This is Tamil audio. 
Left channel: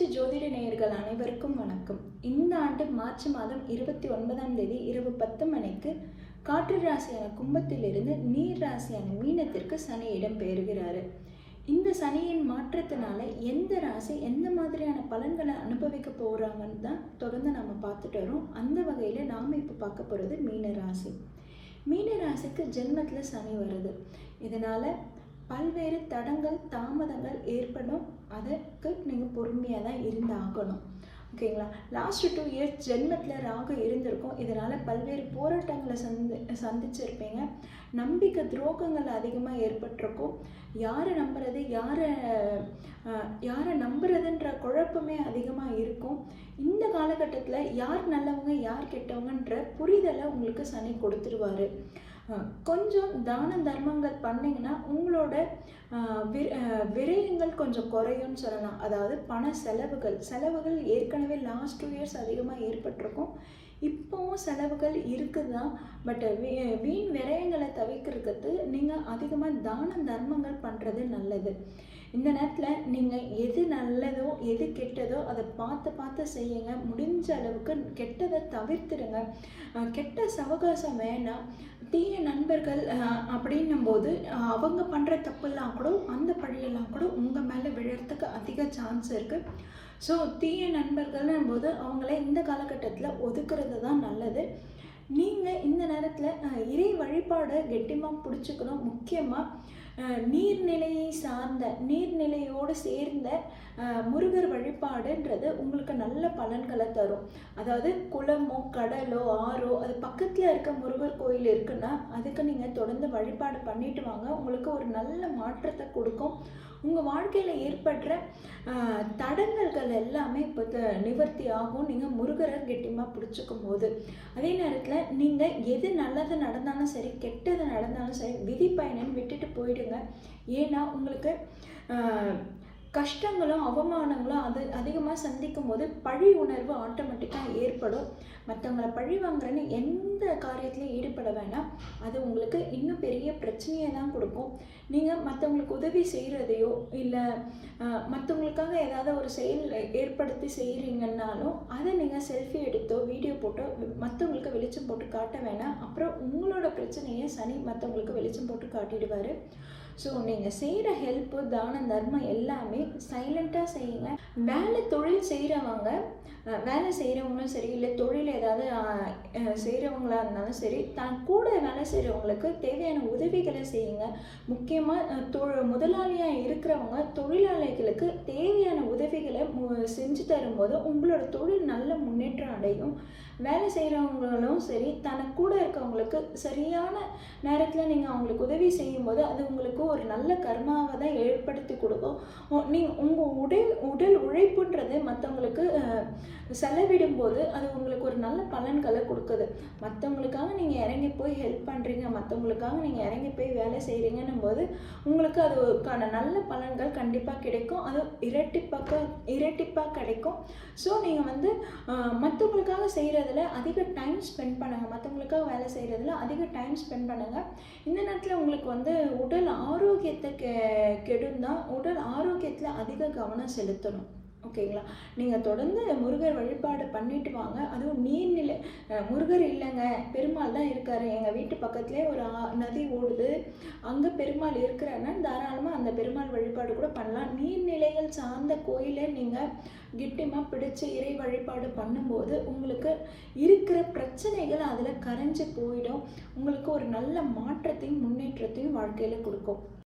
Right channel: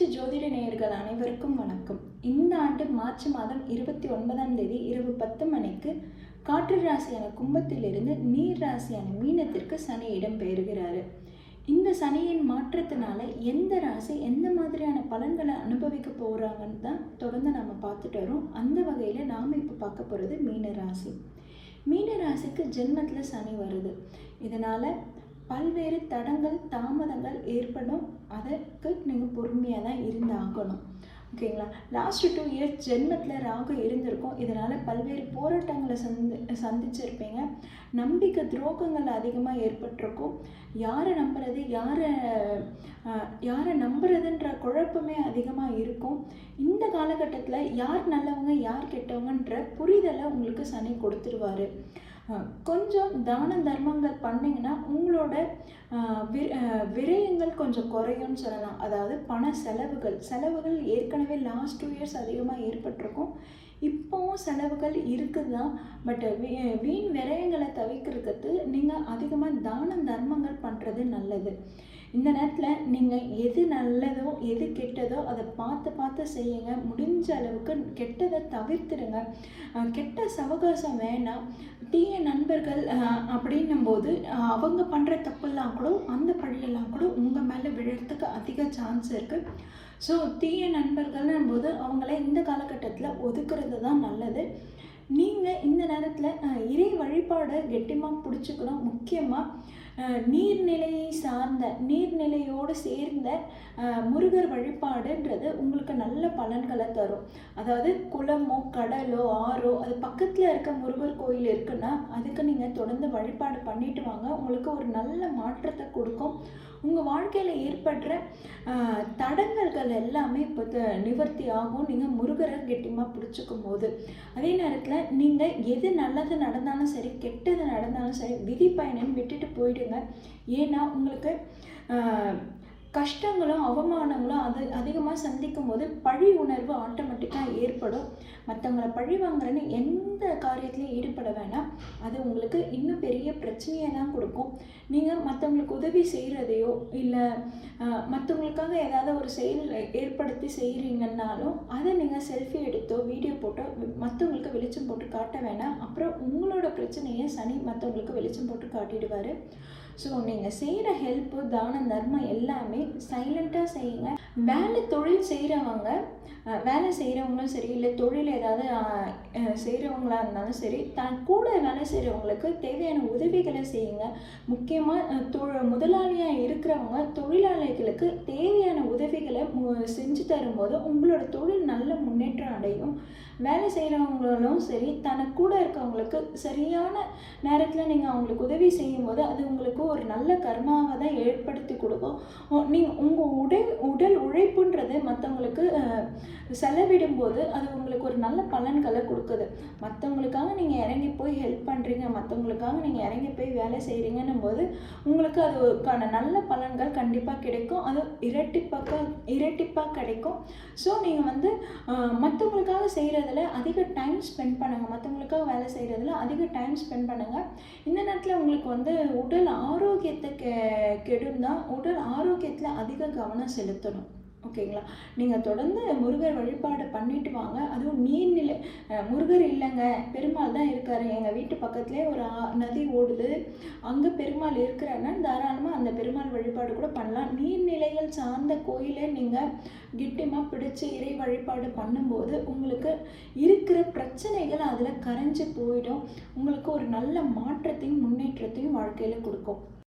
புகழ்பெற்ற ஜோதிட நேயர்கள் அனைவருக்கும் வணக்கம். இந்த ஆண்டு மார்ச் மாதம் 29ஆம் தேதி இரவு 10 மணிக்கு காற்று ராசியான கும்பத்திலிருந்து நீர் ராசியான மீனத்திற்கு சனி இடம் பெறுகிறாரு. இந்த சனியின் மாற்றத்தினால எந்த ராசி எந்த மாதிரியான பலன்களை அனுபவிக்க போகிறாங்கன்னு தான் தொடர்ந்து நம்ம பார்த்துட்டு வரோம். அந்த வகையில் நாம் இப்போ பார்க்க போகிறது மீன ராசி. மீன ராசிக்கு ஜென்மத்தில் சனி வருது. இதனால் பல்வேறு தடங்கள் தாமதங்கள் ஏற்படும். அதற்கு நீங்கள் பொறுமையாக தான் இருந்தாகணும். ஓகேங்களா? லாஸ்ட் 2 இயர்ஸ் ஜென்மத்தில் ராகு இருந்திருக்கும். இதனால் பல்வேறு போராட்டங்களை சந்திச்சிருப்பீங்க. நம்பிக்கை துரோகங்கள் அதிகமாக ஏற்பட்டிருக்கும். யாரை நம்புறது யாரை நம்புறதுன்ற குழப்பமே அதிகமாக இருக்கும். இந்த காலகட்டத்தில் யார் நல்லவங்க யார் கெட்டவங்கன்ற புரிதலை உங்களுக்கு சனி கொடுத்துருவார். கொஞ்சம் தான தர்மங்கள் பண்ணிங்கன்னா உங்களோட விரயங்கள் கொஞ்சம் குறையும்னு சொல்லலாம். அதாவது பண செலவுகள் ஏற்கனவே லாஸ்ட் 2 இயர்ஸ் அதிகமாக ஏற்பட்டிருக்கும். இப்போவும் செலவுகள் இருக்குது தான். பட் வீண் விரயங்களை தவிர்க்கிறதுக்கு நீங்கள் அதிகமாக தான தர்மங்கள் பண்ணுறது நல்லது. இந்த நேரத்தில் நீங்கள் எது நல்லதோ எது கெட்டதோ அதை பார்த்து செய்யுங்க. முடிஞ்ச அளவுக்கு கெட்டதை தவிர்த்துடுங்க. கெட்ட சவகாசம் வேணாம். தீய நண்பர்கள் அப்படின்னும் போது அவங்க பண்ணுற தப்பெல்லாம் கூட அந்த பழியெல்லாம் கூட உங்கள் மேலே விழுறதுக்கு அதிக சான்ஸ் இருக்குது. ஸோ தீய நண்பர்கள்னும் போது அவங்கள இந்த காலகட்டத்தில் ஒதுக்குறது தான் நல்லது. நீங்கள் இந்த நேரத்தில் இறை வழிபாடை கெட்டிமாக பிடிச்சிக்கணும். முக்கியமாக நீர்நிலையோடு சேர்ந்த முருகர் வழிபாடுன்றது உங்களுக்கு நல்ல பலன்களை தரும். அதாவது குளமோ கடலோ ஆறோ அது பக்கத்தில் இருக்க முருகர் கோயில் இருக்குன்னா அதுக்கு நீங்கள் தொடர்ந்து வழிபாடு பண்ணிட்டு வாங்க. உங்களுக்கு ஒரு நல்ல மாற்றத்தை கொடுக்கும். உங்கள் வாழ்க்கையில் ஏற்படுற தடங்கல்கள் எல்லாமே இப்போ நிவர்த்தி ஆகும் நீங்கள் முருகரை கெட்டிமாக பிடிச்சிக்கும் போது. அதே நேரத்தில் நீங்கள் எது நல்லது நடந்தாலும் சரி கெட்டது நடந்தாலும் சரி விதி பயணம் விட்டுட்டு போயிடுங்க. ஏன்னா உங்களுக்கு கஷ்டங்களும் அவமானங்களும் அதிகமாக சந்திக்கும் போது பழி உணர்வு ஆட்டோமேட்டிக்காக ஏற்படும். மற்றவங்களை பழி வாங்குறேன்னு எந்த காரியத்திலையும் ஈடுபட வேணாம். அது உங்களுக்கு இன்னும் பெரிய பிரச்சனையை தான் கொடுக்கும். நீங்கள் மற்றவங்களுக்கு உதவி செய்கிறதையோ இல்லை மற்றவங்களுக்காக ஏதாவது ஒரு செயல் ஏற்படுத்தி செய்கிறீங்கன்னாலும் அதை நீங்கள் செல்ஃபி எடுத்தோ வீடியோ போட்டோ மற்றவங்களுக்கு வெளிச்சம் போட்டு காட்ட வேணாம். அப்புறம் உங்களோட பிரச்சனையை சனி மற்றவங்களுக்கு வெளிச்சம் போட்டு காட்டிடுவார். ஸோ நீங்கள் செய்கிற ஹெல்ப்பு தான தர்மம் எல்லாமே சைலண்ட்டாக செய்யுங்க. தொழில் செய்கிறவங்களும் சரி இல்லை தொழில் ஏதாவது செய்கிறவங்களா இருந்தாலும் சரி தான் கூட வேலை செய்கிறவங்களுக்கு தேவையான உதவிகளை செய்யுங்க. முக்கியமாக முதலாளியாக இருக்கிறவங்க தொழிலாளிகளுக்கு தேவையான உதவிகளை செஞ்சு தரும்போது உங்களோட தொழில் நல்ல முன்னேற்றம் அடையும். வேலை செய்கிறவங்களும் சரி தனக்கு கூட இருக்கவங்களுக்கு சரியான நேரத்தில் நீங்கள் அவங்களுக்கு உதவி செய்யும்போது அது உங்களுக்கு ஒரு நல்ல கர்மாவை தான் ஏற்படுத்தி கொடுக்கும். நீங்கள் உங்கள் உடல் உழைப்புன்றது மற்றவங்களுக்கு செலவிடும்போது அது உங்களுக்கு ஒரு நல்ல பலன்களை கொடுக்குது. மற்றவங்களுக்காக நீங்கள் இறங்கி போய் ஹெல்ப் பண்ணுறீங்க, மற்றவங்களுக்காக நீங்கள் இறங்கி போய் வேலை செய்கிறீங்கன்னும் போது உங்களுக்கு அதுக்கான நல்ல பலன்கள் கண்டிப்பாக கிடைக்கும். அது இரட்டிப்பாக கிடைக்கும். ஸோ நீங்கள் மற்றவங்களுக்காக செய்கிறதுல அதிக டைம் ஸ்பெண்ட் பண்ணுங்கள். மற்றவங்களுக்காக வேலை செய்கிறதுல அதிக டைம் ஸ்பெண்ட் பண்ணுங்கள். இந்த நேரத்தில் உங்களுக்கு உடல் ஆரோக்கியத்தை கெடும் தான். உடல் ஆரோக்கியத்தில் அதிக கவனம் செலுத்தணும். ஓகேங்களா? நீங்கள் தொடர்ந்து முருகர் வழிபாடு பண்ணிட்டு வாங்க. அதுவும் நீர்நிலை முருகர் இல்லைங்க பெருமாள் தான் இருக்கார், எங்கள் வீட்டு பக்கத்துலேயே ஒரு நதி ஓடுது அங்கே பெருமாள் இருக்கிறாருன்னா தாராளமாக அந்த பெருமாள் வழிபாடு கூட பண்ணலாம். நீர்நிலைகள் சார்ந்த கோயிலை நீங்கள் கிட்டிமாக பிடிச்சி இறை வழிபாடு பண்ணும்போது உங்களுக்கு இருக்கிற பிரச்சனைகள் அதில் கரைஞ்சி போயிடும். உங்களுக்கு ஒரு நல்ல மாற்றத்தையும் முன்னேற்றத்தையும் வாழ்க்கையில் கொடுக்கும்.